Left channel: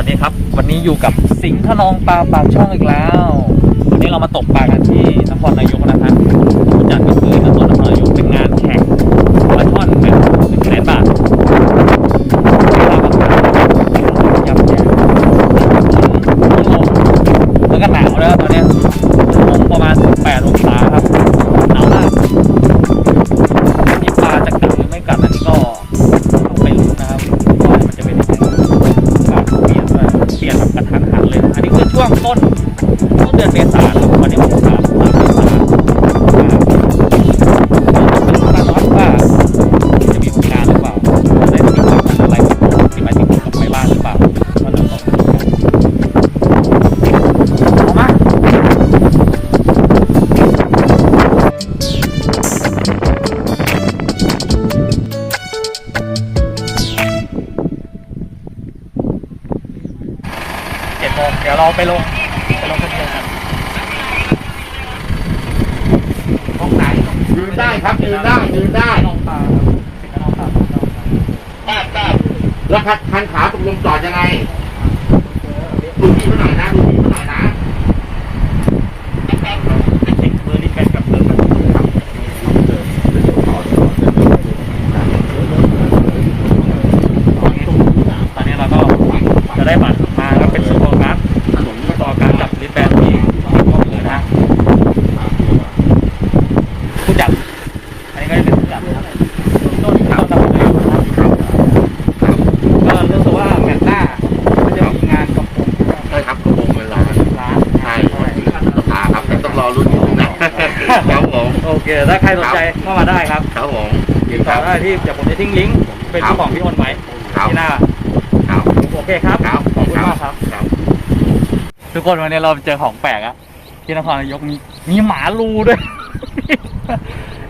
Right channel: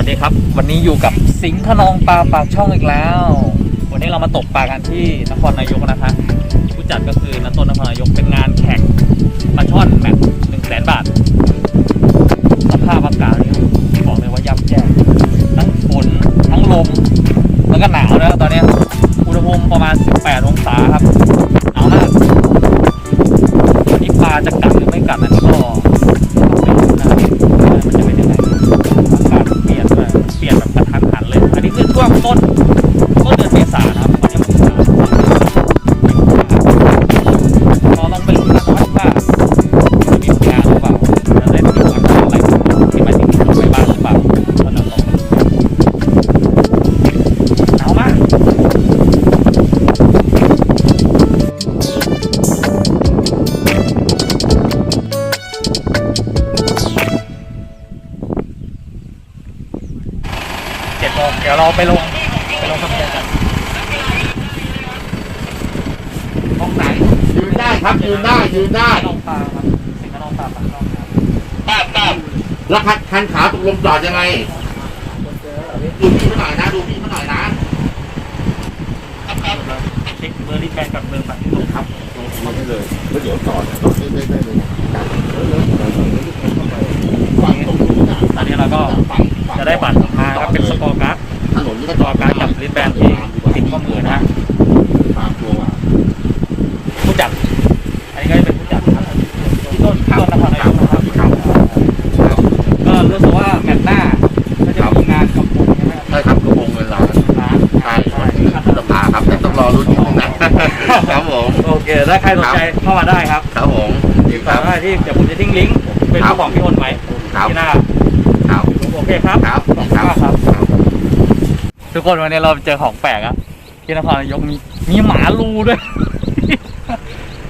วัสดีครับ วันนี้อยู่กับสิงห์ขนองปลาปากช่องอีกแล้ว วันนี้เรามาตกปลากันที่นครนายกนะครับผู้จัดก็คือนครนครนายกเป็นงานแข่งปลาช่อนแบบหนึ่งแสนบาทภาพอากาศบอกเลยว่ายับแย่ทั้งฝนทั้งลมแล้วก็หนาวแล้วตอนนี้อุณหภูมิประมาณ 18 องศาครับหนาวมากนี่ปลาจะกัดหรือไม่กัดอันนี้ ต้น เดี๋ยวเราไปลงไปลงทะเบียนกันห้องไหนยืนได้ครับยืนได้ยืนได้น้องปลาครับสิงห์น้องปลาครับน้องปลาแล้วคันคันขาตกลงจอดยังไงดูพี่มาหน่อยนะดูพี่มาหน่อยนะ หยิบเบอร์ดิแบกกับเบอร์มันต้องทำตอนนี้เราก็จะได้บัตรมาก็เป็นสกอร์การ์ด ถนนนี่ ส ก็ กอร์การ์ดกับลิสแบนที่ติดข้อมือนะฮะ ผู้จัดอันนี้ก็จะเป็นผู้จัดนะครับพี่ต้นพี่ต้นนครนายกนะครับครับครับก็รู้สึกว่าแมตช์หน้าก็จะมีงานกับผมใช่ไหมครับใช่ครับกระโปรงเป็นร้านร้านใช่ใช่สภาครับแต่ต้องรอรุ่นนิดนึงนะครับผมโอเคถ้าใครสนใจเข้ามาได้ครับครับผมจริงคต่อรับได้ที่เดี๋ยวผมจะทิ้งลิงก์เป็นครับของพี่อ้นไว้ครับที่หน้าครับโอเคครับครับขอบคุณมากครับครับ ทุกคนวันนี้เราเจอของแปลกอะ ที่นครนายกมีมีหมาลูด้วย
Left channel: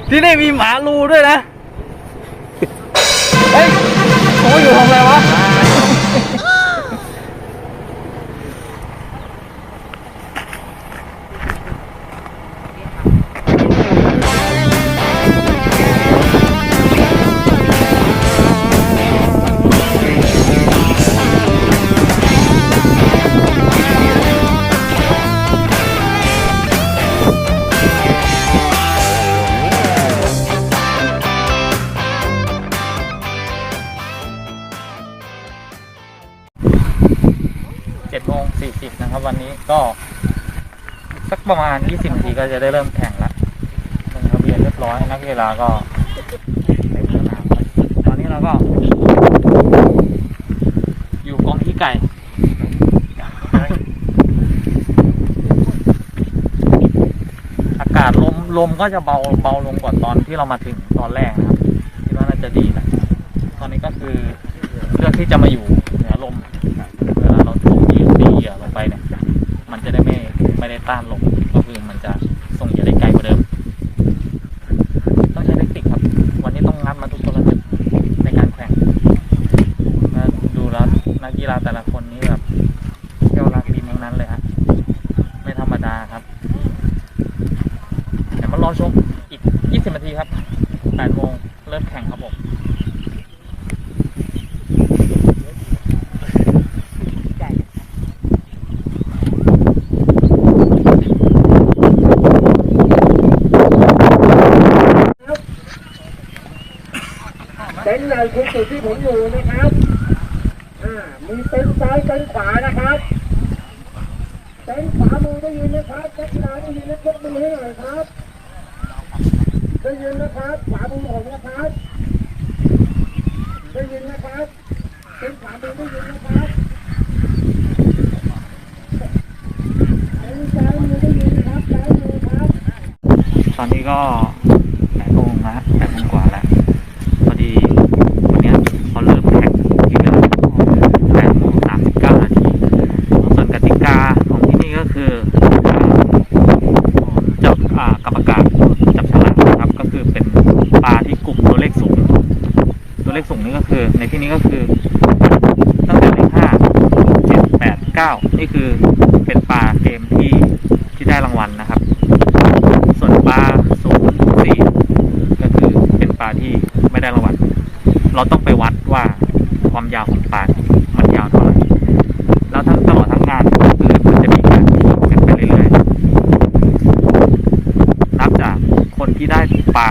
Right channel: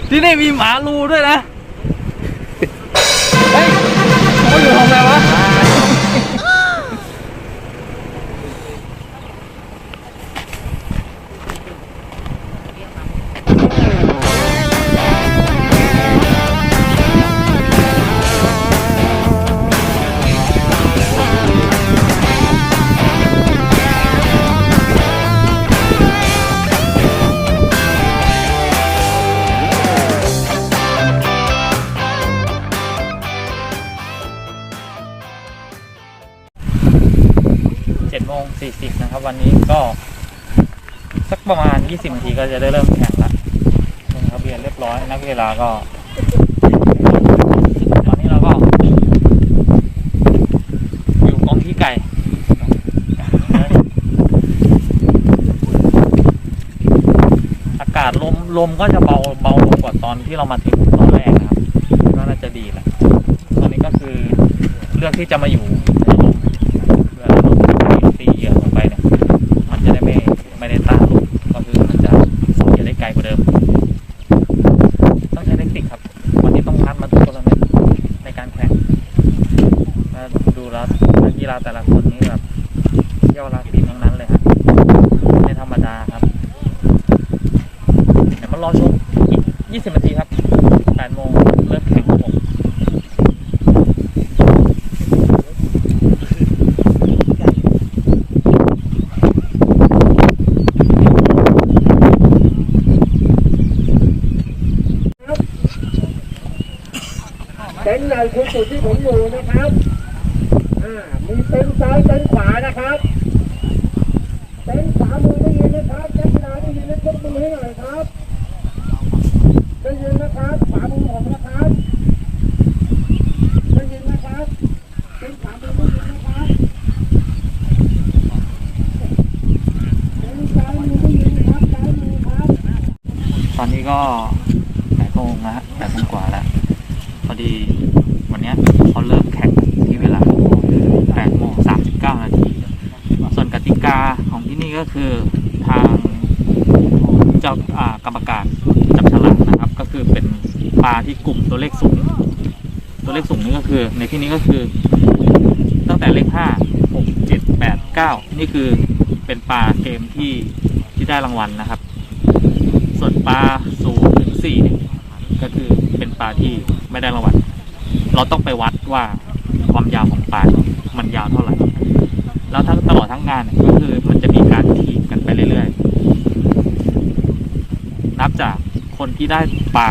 ที่นี่มีหมาลูด้วยนะ ก็สักประมาณยี่สิบนาทีก็จะได้เริ่มแข่งละลงทะเบียนเรียบร้อยนักกีฬาก็ ตอนนี้เราก็อยู่กองขี้ไก่อากาศลมลมก็จะเบาเบาลงกว่าตอนที่เรามาถึงตอนแรกนะครับคิดว่าน่าจะดีแหละตอนนี้ก็คือเลือกที่จะมาอยู่เหนือลมเวลาเราตีตีเหยื่อลงไปเนี่ย มันจะได้ไม่ไม่ได้ต้านลมก็คือมันจะส่งเหยื่อได้ไกลกว่าเดิม ต้องใช้เทคนิคครับ วันนี้ต้องงัดมาทุกกรณีในการแข่งมาดูแล้วนักกี ฬาแต่ละคนนี่แบบเที่ยวรักดินทั้งนั้นเลยครับไม่ธรรมดาครับเดี๋ยวมารอชมอีก 20 นาทีครับ8โมงเริ่มแข่งครับผมเต็นท์ใหญ่คือจุดที่ผมอยู่นะครับ อ่ามีเต็นซ้ายเต็นขวานะครับเต็นขวามือได้ยินนะครับนักกีฬาได้ยินนะยกมือให้หน่อยครับได้ยินนะครับขวามือผมนะครับได้ยินนะครับเต็นขวามือได้ยินนะครับตอนนี้ก็8โมงนะฮะ8โมงกว่าแล้วพอดีวันเนี้ยเขาเริ่มแข่งที่เวลา8โมง39 นาที ส่วนกติกาของที่นี่ก็ คือทางเจ้ากรรมการจับฉลากนะครับ ก็คือเป็นปลาที่กลุ่มตัวเลขสูง ตัวเลขสูงนี่ก็คือ ในที่นี้ก็คือตั้งแต่เลขห้าเจ็ดแปดเก้านี่คือเป็นปลาเกมที่ที่ได้รางวัลนะครับ ส่วนปลาศูนย์ถึงสี่ก็คือเป็นปลาที่ไม่ได้รางวัลเราต้องไปวัดว่าความยาวของปลามันยาวเท่าไหร่ แล้วที่ได้ปลานก็คือมันจะมีการ เรื่อยๆ นับจากคนที่ได้ปลา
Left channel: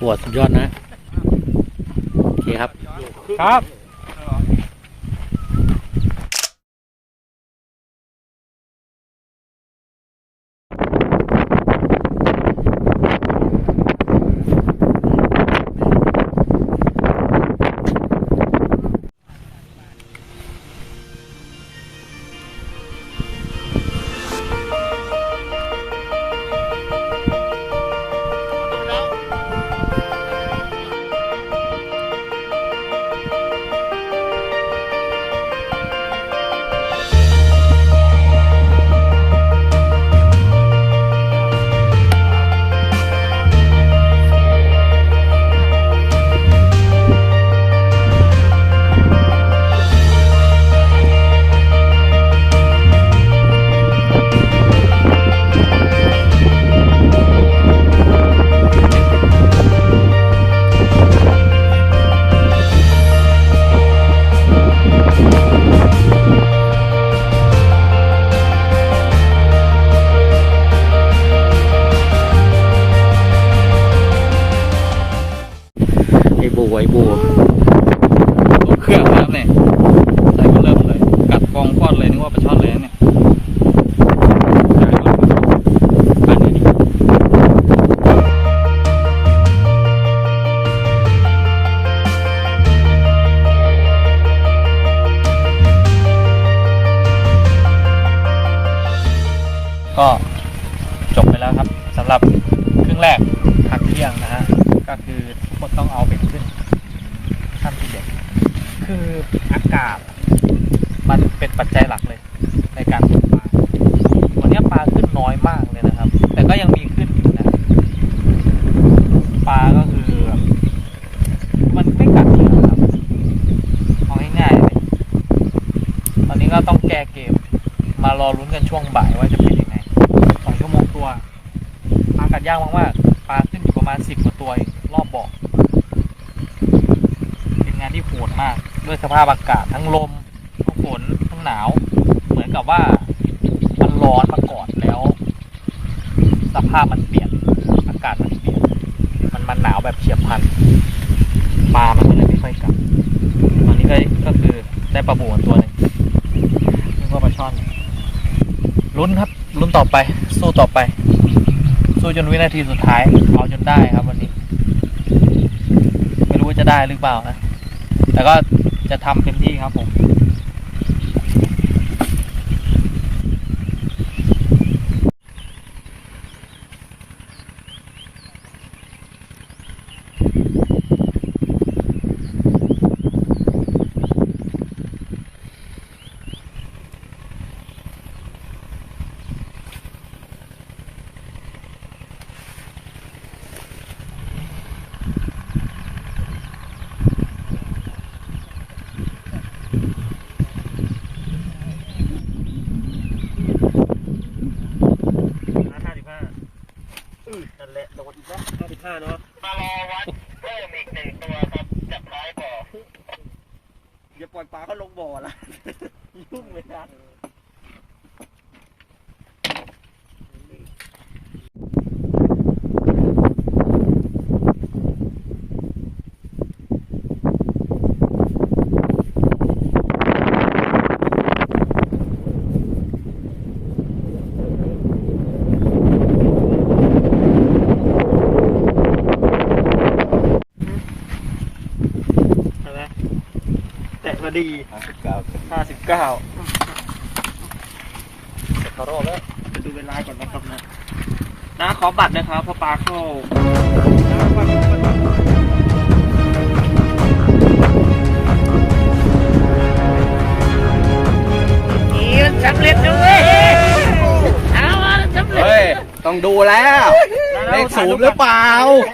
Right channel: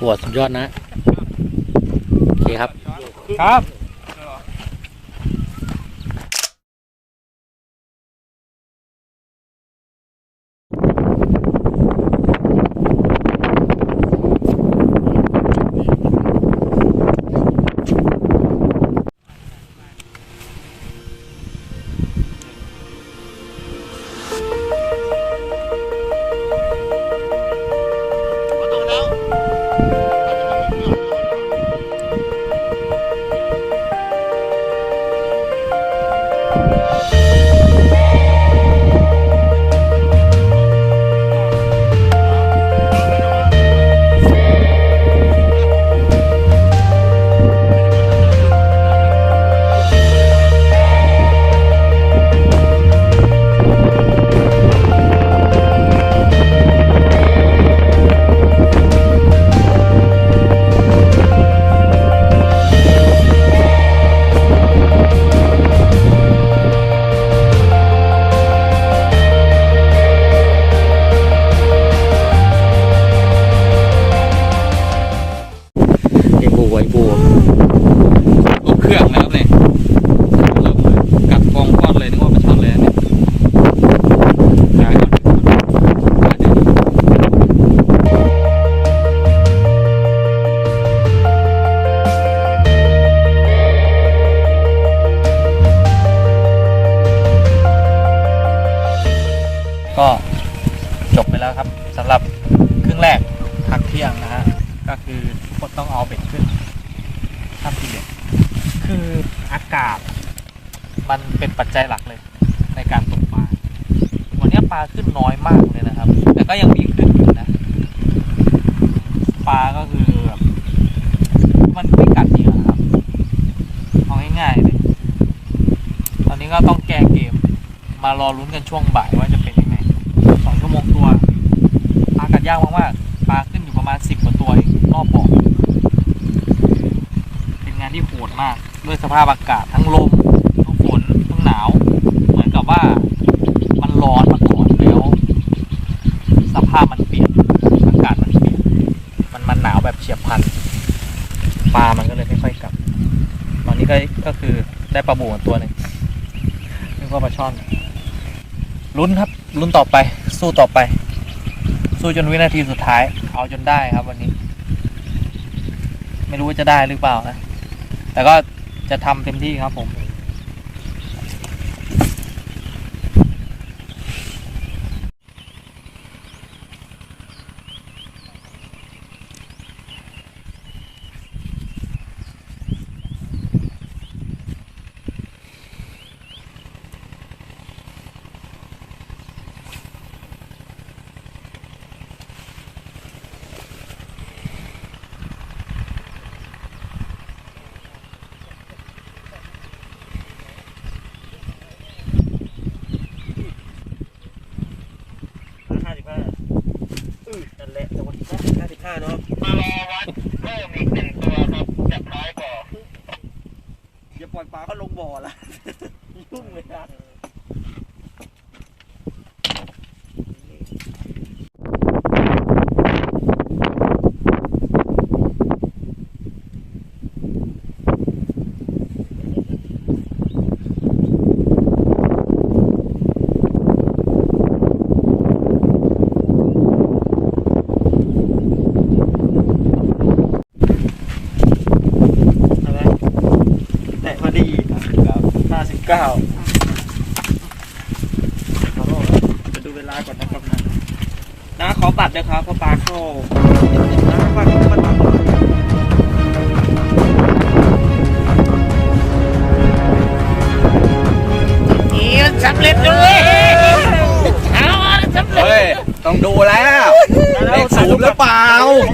ปวดสุดยอดนะ โอเคครับ ครับ ลงเครื่องแล้วเนี่ยเริ่มเลยกัดฟองก้อนเลยนึกว่าปลาช่อนเลยนะเนี่ยก็จบไปแล้วครับสำหรับครึ่งแรกพักเที่ยงนะฮะก็คือทุกคนต้องเอาเบ็ดขึ้นทำทีเด็ด คืออากาศ มันเป็นปัจจัยหลักเลย ในการตกปลาวันนี้ปลาขึ้นน้อยมากเลยนะครับ แต่ก็ยังมีขึ้นอยู่นะ ปลาก็คือ มันไม่กัดเหยื่อครับเอาง่ายๆเลยตอนนี้ก็ต้องแก้เกม มารอลุ้นกันช่วงบ่ายว่าจะเป็นยังไงสองชั่วโมงตัวปลากัดยากมากๆปลาขึ้นอยู่ประมาณสิบกว่าตัวรอบบ่อเป็นงานที่โหดมาก ด้วยสภาพอากาศทั้งลมทั้งฝนทั้งหนาว เหมือนกับว่ามันร้อนมาก่อนแล้ว สภาพมันเปลี่ยนอากาศมันเปลี่ยน มันมันหนาวแบบเฉียบพลันปลามันก็เลยไม่ค่อยกลับ ตอนนี้ก็ก็คือได้ปลาบูตัวหนึ่งนึกว่าปลาช่อนลุ้นครับลุ้นต่อไป สู้ต่อไป สู้จนวินาทีสุดท้าย เอาจนได้ครับวันนี้ ไม่รู้ว่าจะได้หรือเปล่านะ แต่ก็จะทำเต็มที่ครับผม ห้าสิบห้าอือนั่นแหละแต่วันที่ห้าสิบห้าเนาะ มารอวัดเพิ่มอีกหนึ่งตัวครับจากท้ายบ่อ เดี๋ยวปล่อยปลาก็ลงบ่อละ ยุ่งเลยนะา สิบเก้าขอโทษครับจะดูเวลาก่อนนะครับนะน้าขอบัตรเลยครับเพราะปลาเข้าเฮ้ย ต้องดูแล้ว เลขสูงหรือเปล่า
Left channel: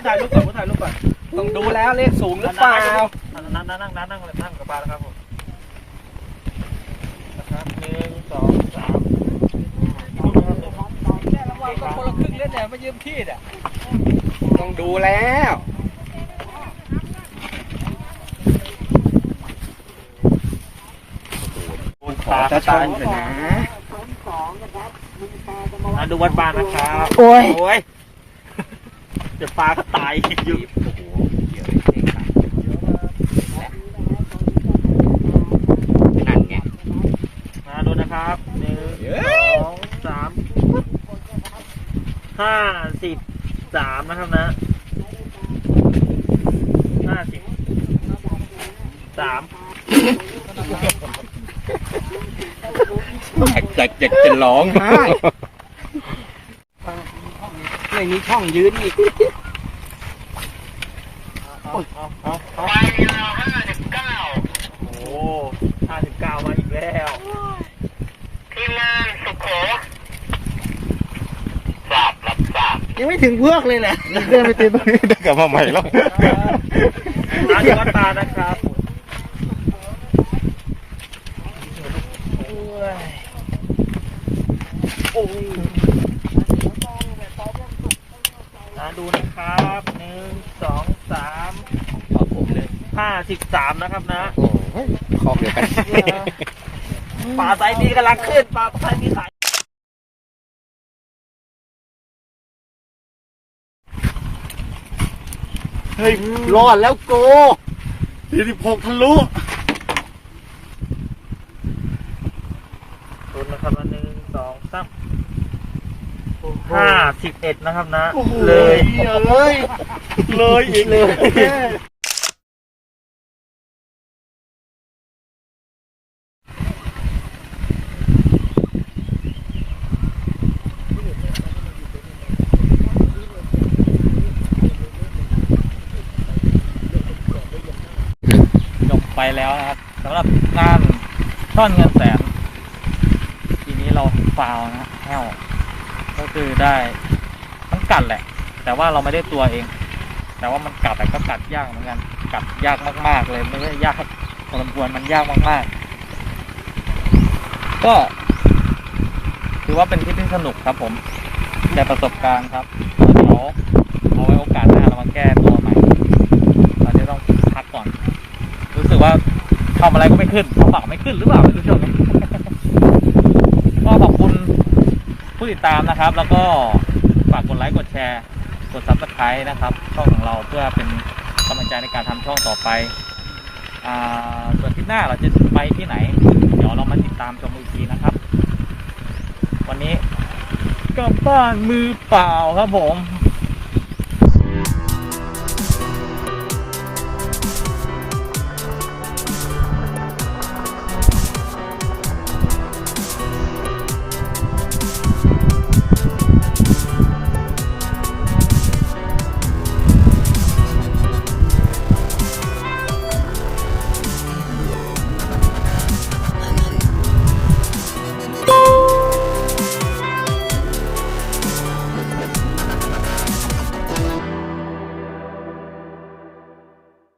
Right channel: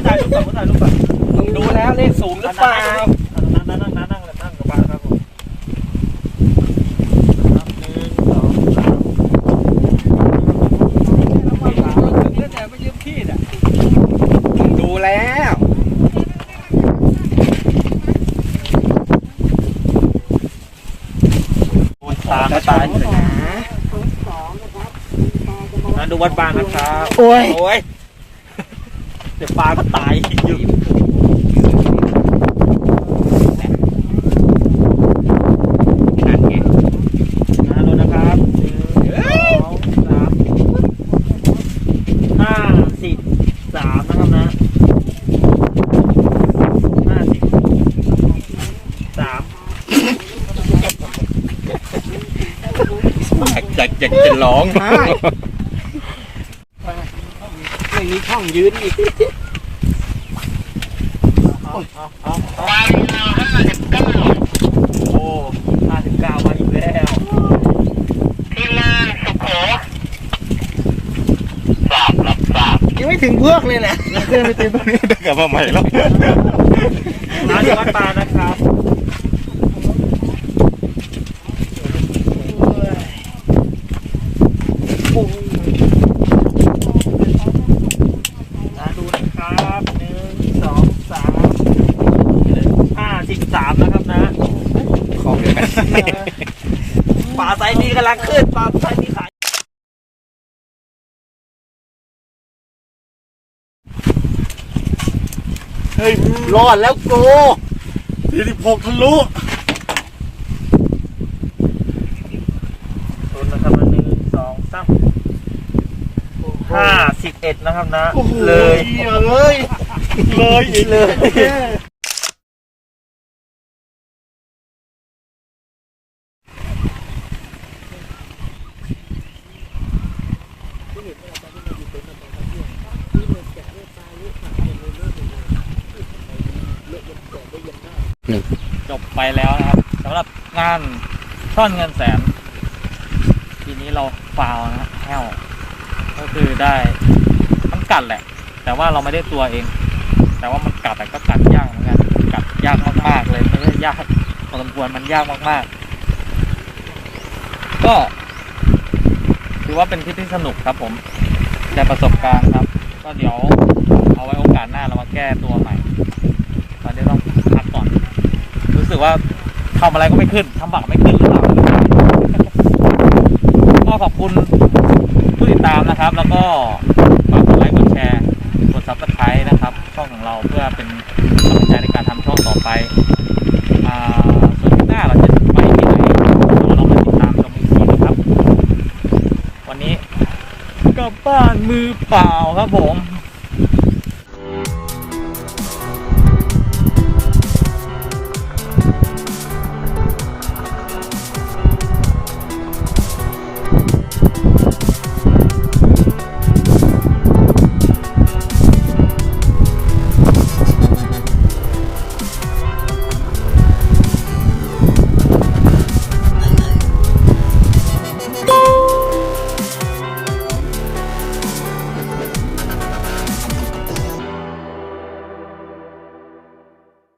ถ่ายรูปก่อนถ่ายรูปก่อนต้องดูแล้วเลขสูงหรือเปล่า นั่งนั่งนั่งนั่งนั่งเลยนั่งกับปลาครับผมนะครับหนึ่งสองสาม ต้องดูแล้ว ตาม จะตายเถอะนะ นะดูวัดบา นนะครับโอ้ย โอ้ยเดี๋ยวปลาก็ตายอยู่นะดูนะครับหนึ่งสองสามห้าสิบสามนะครับนะห้าสิบสามอยากจะจะจะร้องไห้ไม่มีช่ องยืนอีกเอาเอาเอาเอาโอ้ห้าสิบเก้ามาอีกแล้วยังไม่ถึงพวกเลยแหละเครื่องไปตีตรงนี้เดี๋ยวกลับมาใหม่แล้วร้านวัดปลานะครับ นะดูนะครับหนึ่งสองสามห้าสิบสามนะครับนะของเดียวกันปลาไซส์นี้กำลังขึ้นปลาไซส์นี้ขายเฮ้ย รอดแล้วโกสี่สิบหกทะลุตุนนะครับหนึ่งสองสาม ห้าสิบเอ็ดนะครับนะ เลยเลยเลยอีกเลยจบไปแล้วนะครับสำหรับงานช่อนเงินแสน ทีนี้เราฟาวนะฮะแฮว ก็คือได้มันกัดแหละ แต่ว่าเราไม่ได้ตัวเอง แต่ว่ามันกัดแต่ก็กัดยากเหมือนกันกัดยากมากๆเลยไม่ใช่ยากพอสมควรมันยากมากๆ ก็ถือว่าเป็นทริปที่สนุกครับผมได้ประสบการณ์ครับก็เดี๋ยวเอาไว้โอกาสหน้าเรามาแก้ตัวใหม่ตอนนี้ต้องพักก่อน รู้สึกว่าทำอะไรก็ไม่ขึ้นทำปากไม่ขึ้นหรือเปล่าหรือเปล่า ก็ขอบคุณผู้ติดตาม นะครับ แล้วก็ฝากกดไลค์กดแชร์กดซับสไครต์นะครับ ช่องของเราเพื่อเป็นกำลังใจในการทำช่องต่อไปอส่วนที่หน้าเราจะไปที่ไหนเดี๋ยวเรามาติดตามชมอีกทีนะครับ วันนี้กลับบ้านมือเปล่าครับผม